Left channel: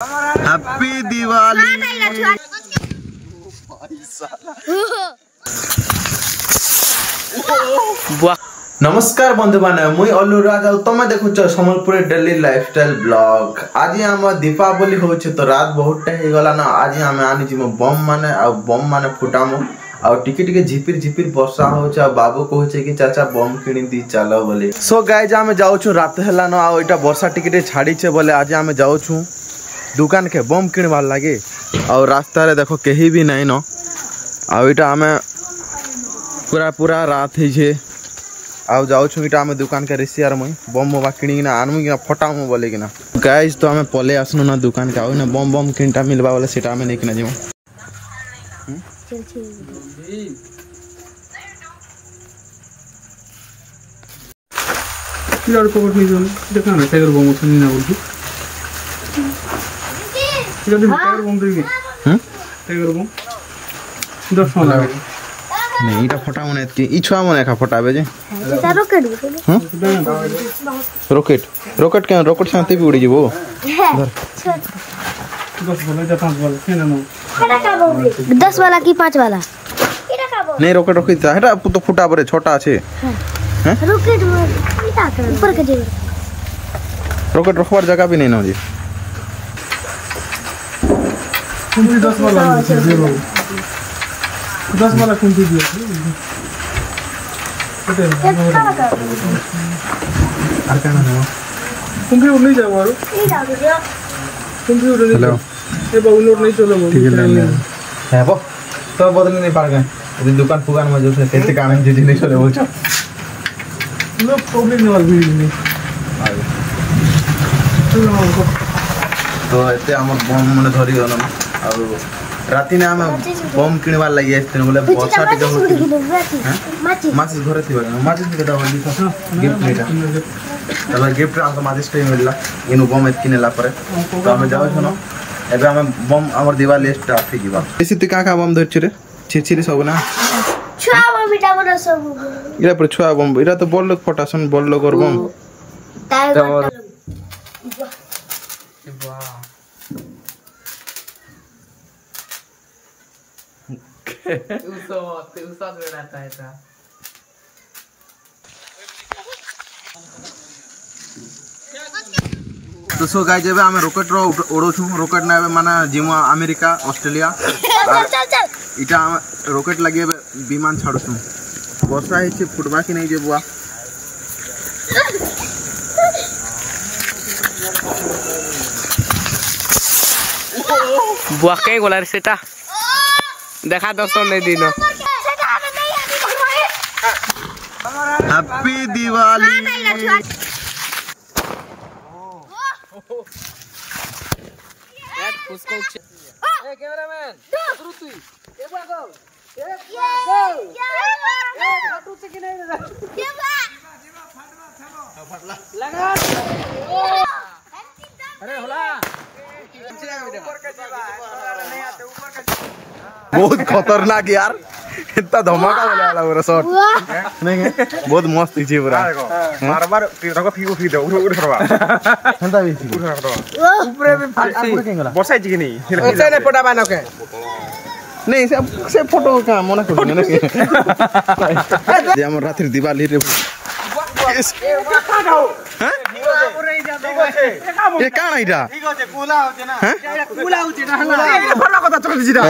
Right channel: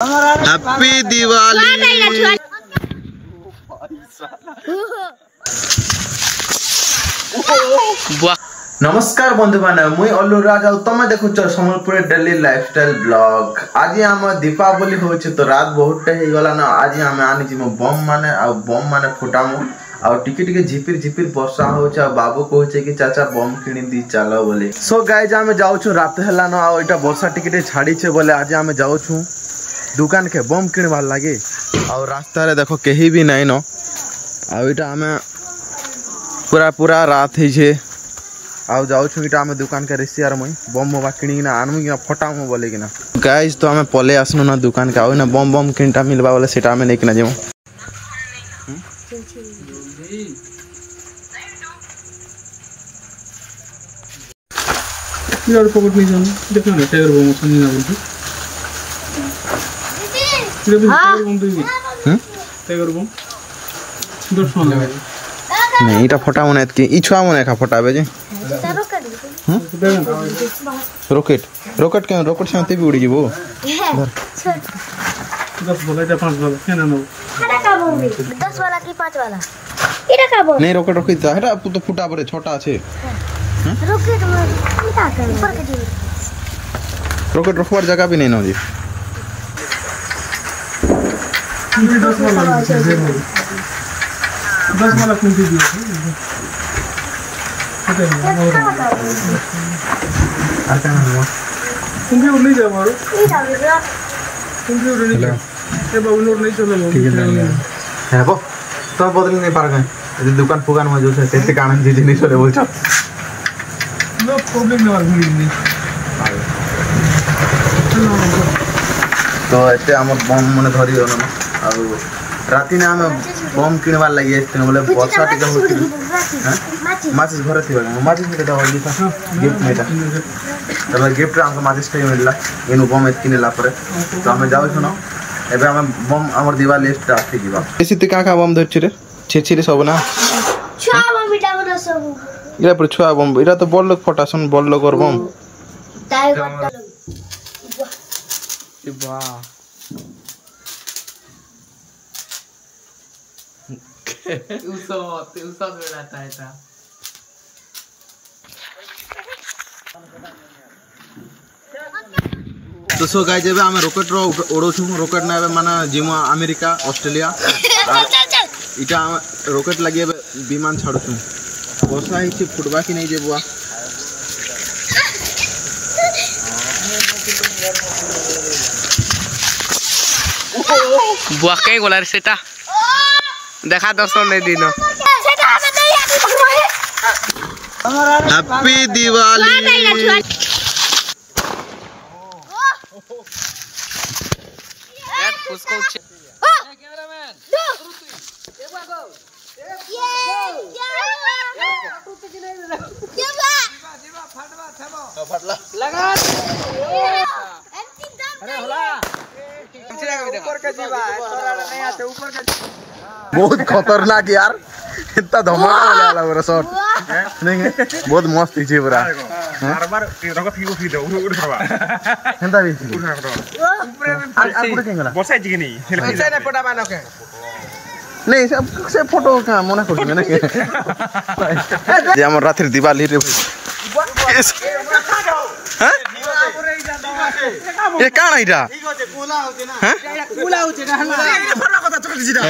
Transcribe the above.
Happy Diwali. नमस्कार बंधु मैंने मुई अल्लू राज और तुम देखुच सम्बलपुर डेली लाइफस्टाइल ब्लॉग। आज आम दीपावली होचे तो रात बहुत हो गला ना। आज आम आनी बम माने फुटामु आ टिके टिके झिपिर झिपिर वर्षा होचे। बाबू कहचे कि चाचा बम किणी दी चलो बोले। सो गाइज आम जाऊँ रात है ना आ वर्षा टिके छाड़ी बोले आज आम जाऊँ दुकान के बम किणवार लगे। और रास्ता रे देखो कहीं भी नहीं न आम पूरा पूरा रात है आउ जाऊँ आम दुकान के रेसियार मुई बम बम किणिकिना आनमु कि फटामु बोले कि गाइज तो आम पले आसनु ना दुकान के आउ ना बम बम किणटा मिलवा बोले सेटा आम नहीं जाऊँ। देखना ना टाइगर बम सुनी ना बोलती टाइगर बम देगी टाइगर बम 10 लगे नहीं इटा फटा मने एतकी ई छुआ मने का फटाबे जे रॉकेट रॉकेट के रॉकेट साथे भी उड़ी जीवो 10 वाला या 5 वाला केना नो 10 वाला की 5 वाला एटा का बोल नहीं रॉकेट रखी था हेटा तो फुटा परे छोटा আছে हैं रॉकेट में का ऊपर के दे रॉकेट रखवार जगह भी नहीं न जी 10 वाला 10 वाला कौन सी दिया आर का हुआ तुम भी उड़ नहीं जाओ मारो तुम भी उड़ नहीं हेलो ये बाबू नोट नहीं चलो ठीक है ले है बो तो बदल नहीं पार गए यदि दुकान फुकान में जो से कैसे कान जी नहीं चले बोल छ नो प्रॉब्लम ना नहीं तो एते हमर बम मने धरि दो ना और राति ने हम बम किनवार लगी आइथिन बोले वर्षा टिका होती हैं माचिस घर थिबा माचिस के दवा दी था गिफ्ट नेटा तब गिफ्ट हमको माचिस टाइम मिलला एनु बम एत किनेला परे तो हम जाउ छनो एबे हम बम हमर दिवाली स्टार्ट थी जीवा एसी त का बम धरछि रे छिछि सब ना छुआ बम बिटा बन सब इरा पर छुआ बम इरा तो बड़ लोग फटासन बड़ लोग और बम टाइगर वाह उसा बेलाता है ता तो सो गाइस एबे हम रॉकेट रो उड़ो छु रॉकेट ना एबे माने जिमो अमेरिका ऑस्ट्रेलिया इटा रॉकेट लगे एबे विमान छाडो छु वर्षा हिछि फुटबा कि नहीं जेबुआ बुआ कई गोला रे सेटा देखा दोस्तों ने दिन हैप्पी दिवाली यार उसको कैमरामैन एक बार गो लगा अरे होला बहुत खतरनाक यार इतना धमाका बोले वाला पूरा शॉट नहीं है बहुत मस्त है पूरा बार-बार रको फीको फी दो उड़ करवा हेंता भी उड़ करवा ऊपर ऊपर के गला बसाई जी नहीं उसे ने फोटा बानो के नहीं से फोटो का मना कर ना के जे हम रात्रि दिवाली रे हैं ये काना इटा ठीक আছে कुला होते ना हैं कुला होते ना हला ये फला कथा चल जिरा